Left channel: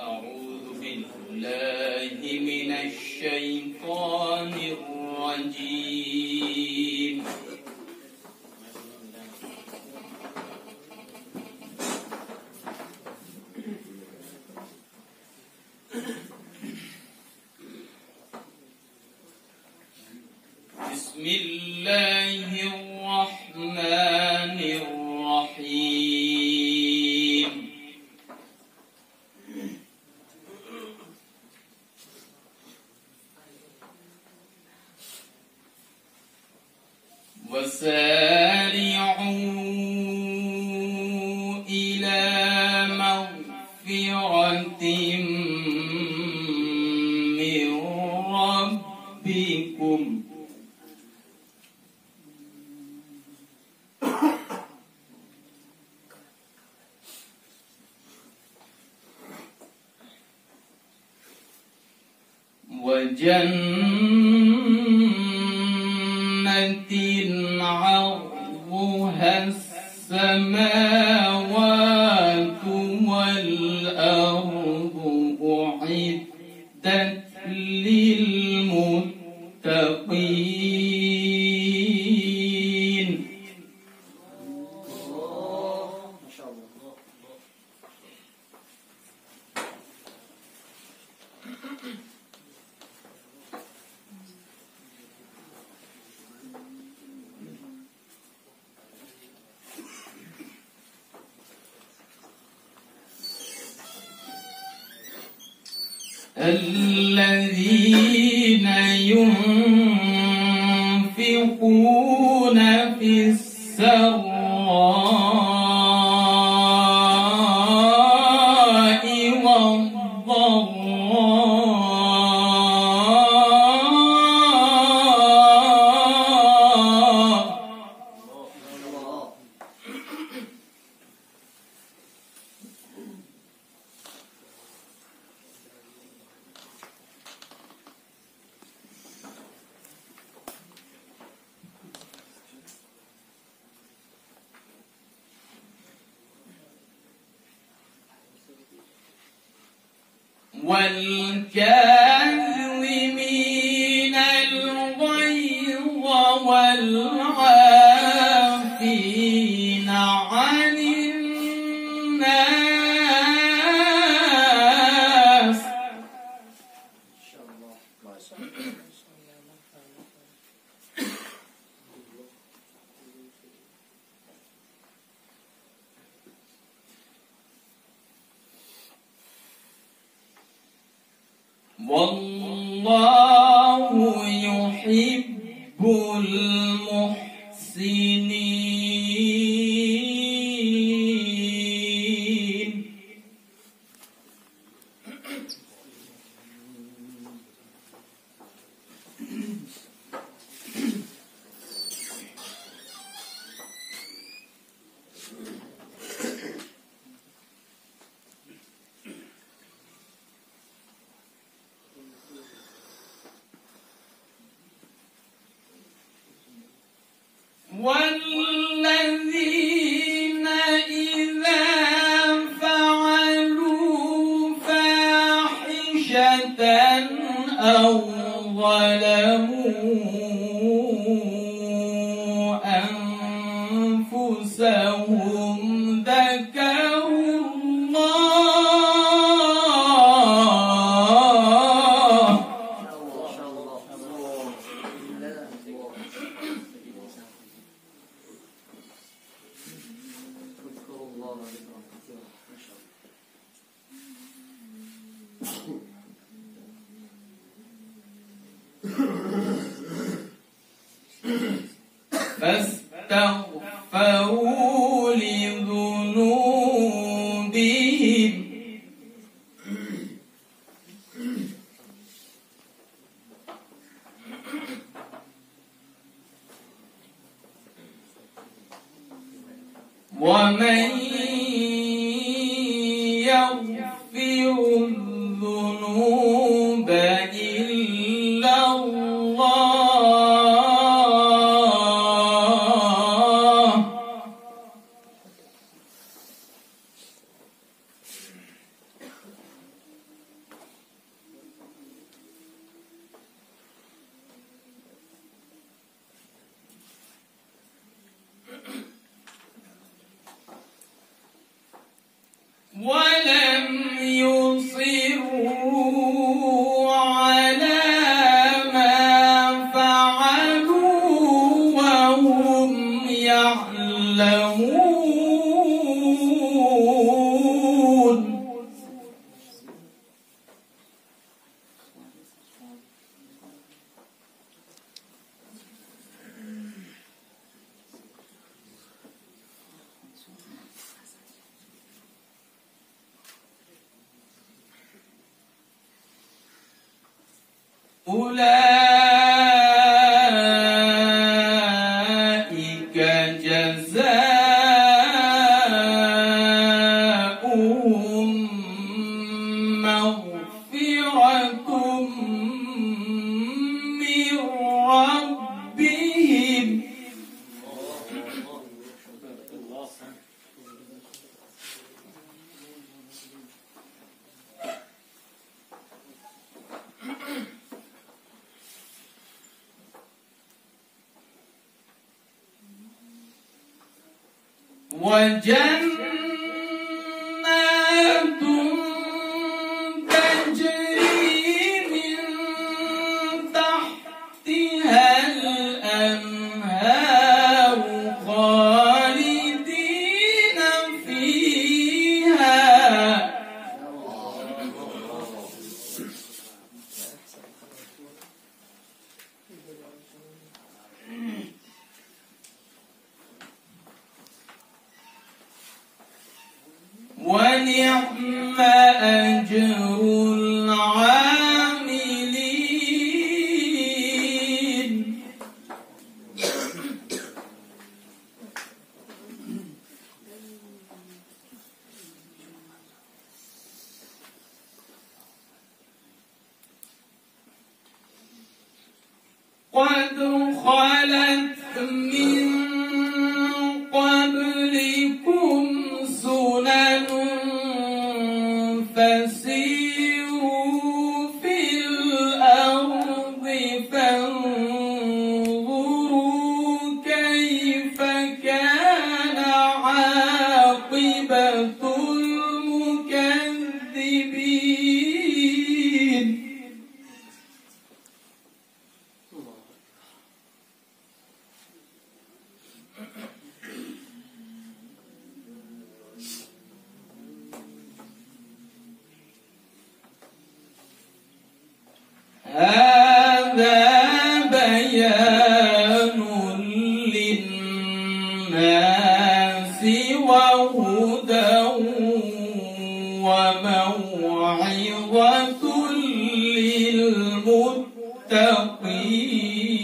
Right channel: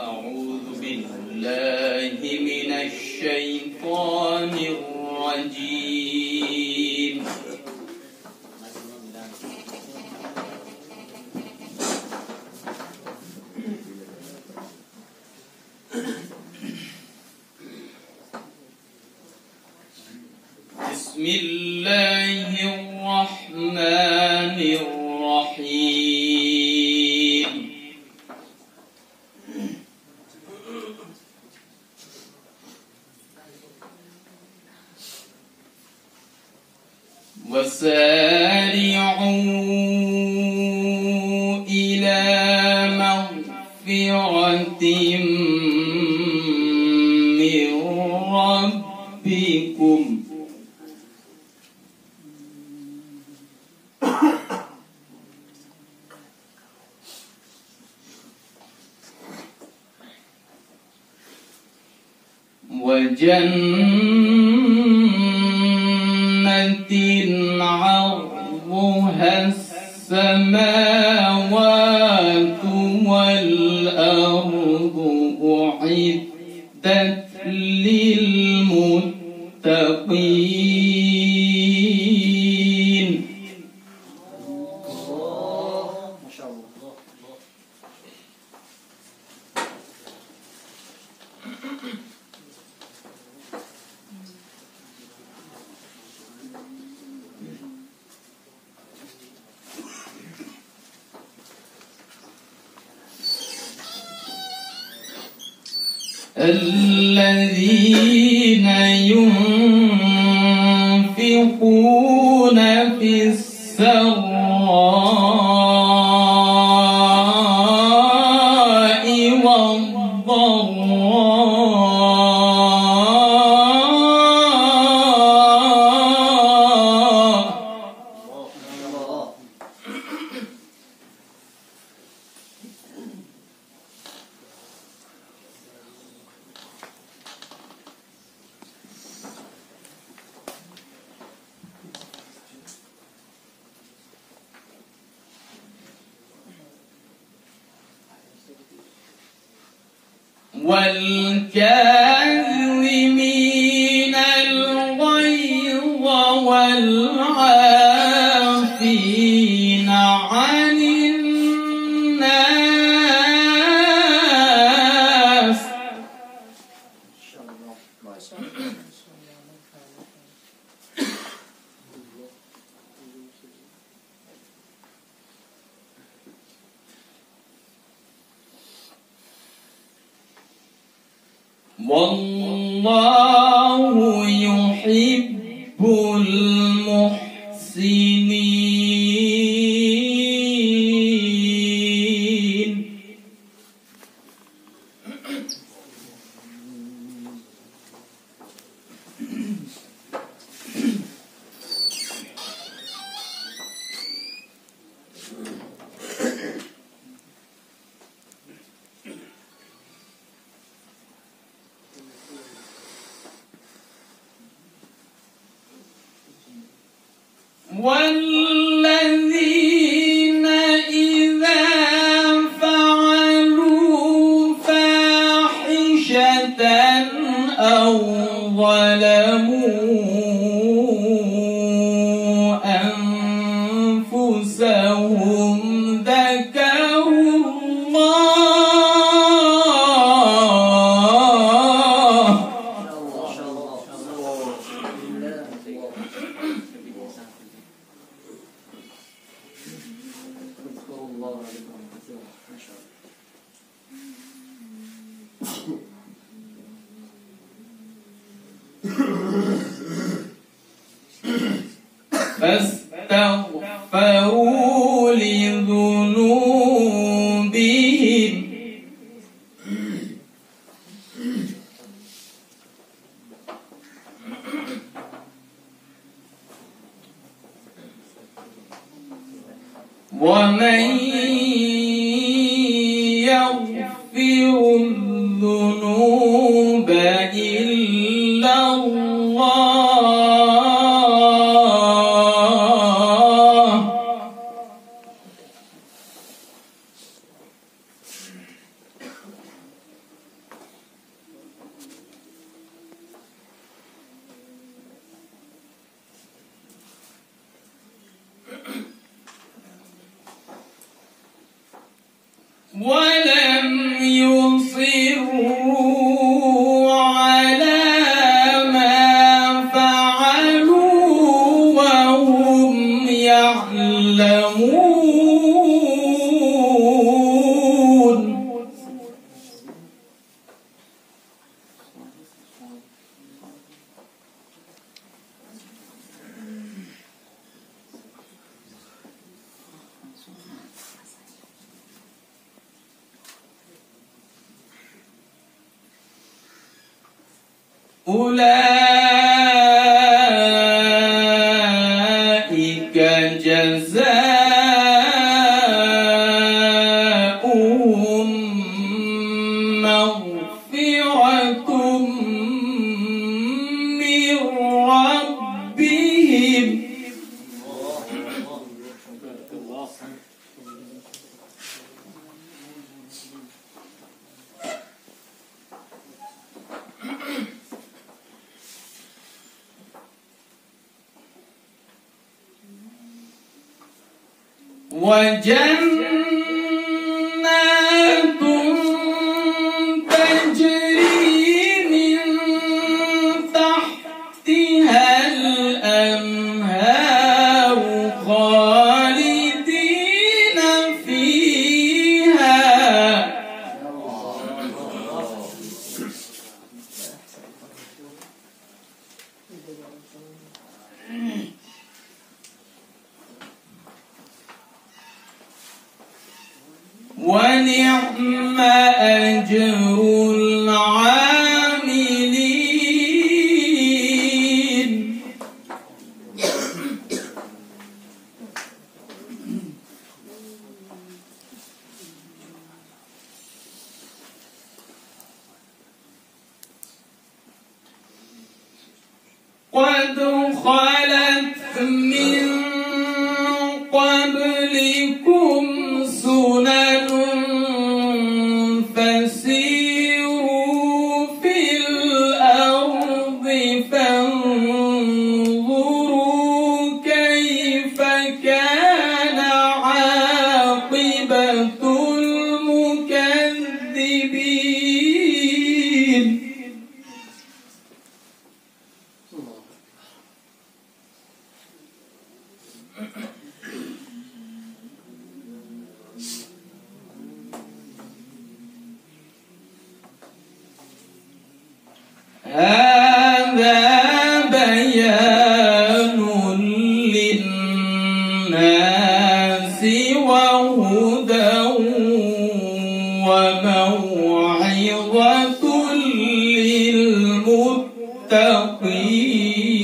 أعوذ بالله من الشيطان الرجيم. بسم الله الرحمن الرحيم. وسارعوا إلى مغفرة من ربكم وجنة عرضها السماوات والأرض أعدت للمتقين. ما شاء الله. الذين ينفقون في السراء والضراء والكاظمين الغيظ والعافين عن الناس. ما شاء الله. ما شاء الله. والله يحب المحسنين. والذين إذا فعلوا فاحشة أو ظلموا أنفسهم ذكروا الله. ما شاء الله. اذكروا الله ذكرا كثيرا. ما شاء الله. فاستغفروا لذنوبهم ومن يغفر الذنوب إلا الله أولئك جزاؤهم مغفرة من ربهم وجنات تجري من تحتها الأنهار خالدين فيها ونعم أجر العاملين قد خلت من قبلكم سنن فسيروا في الأرض فانظروا كيف كان عاقبة المكذبين هذا بيان للناس وهدى وموعظة للمتقين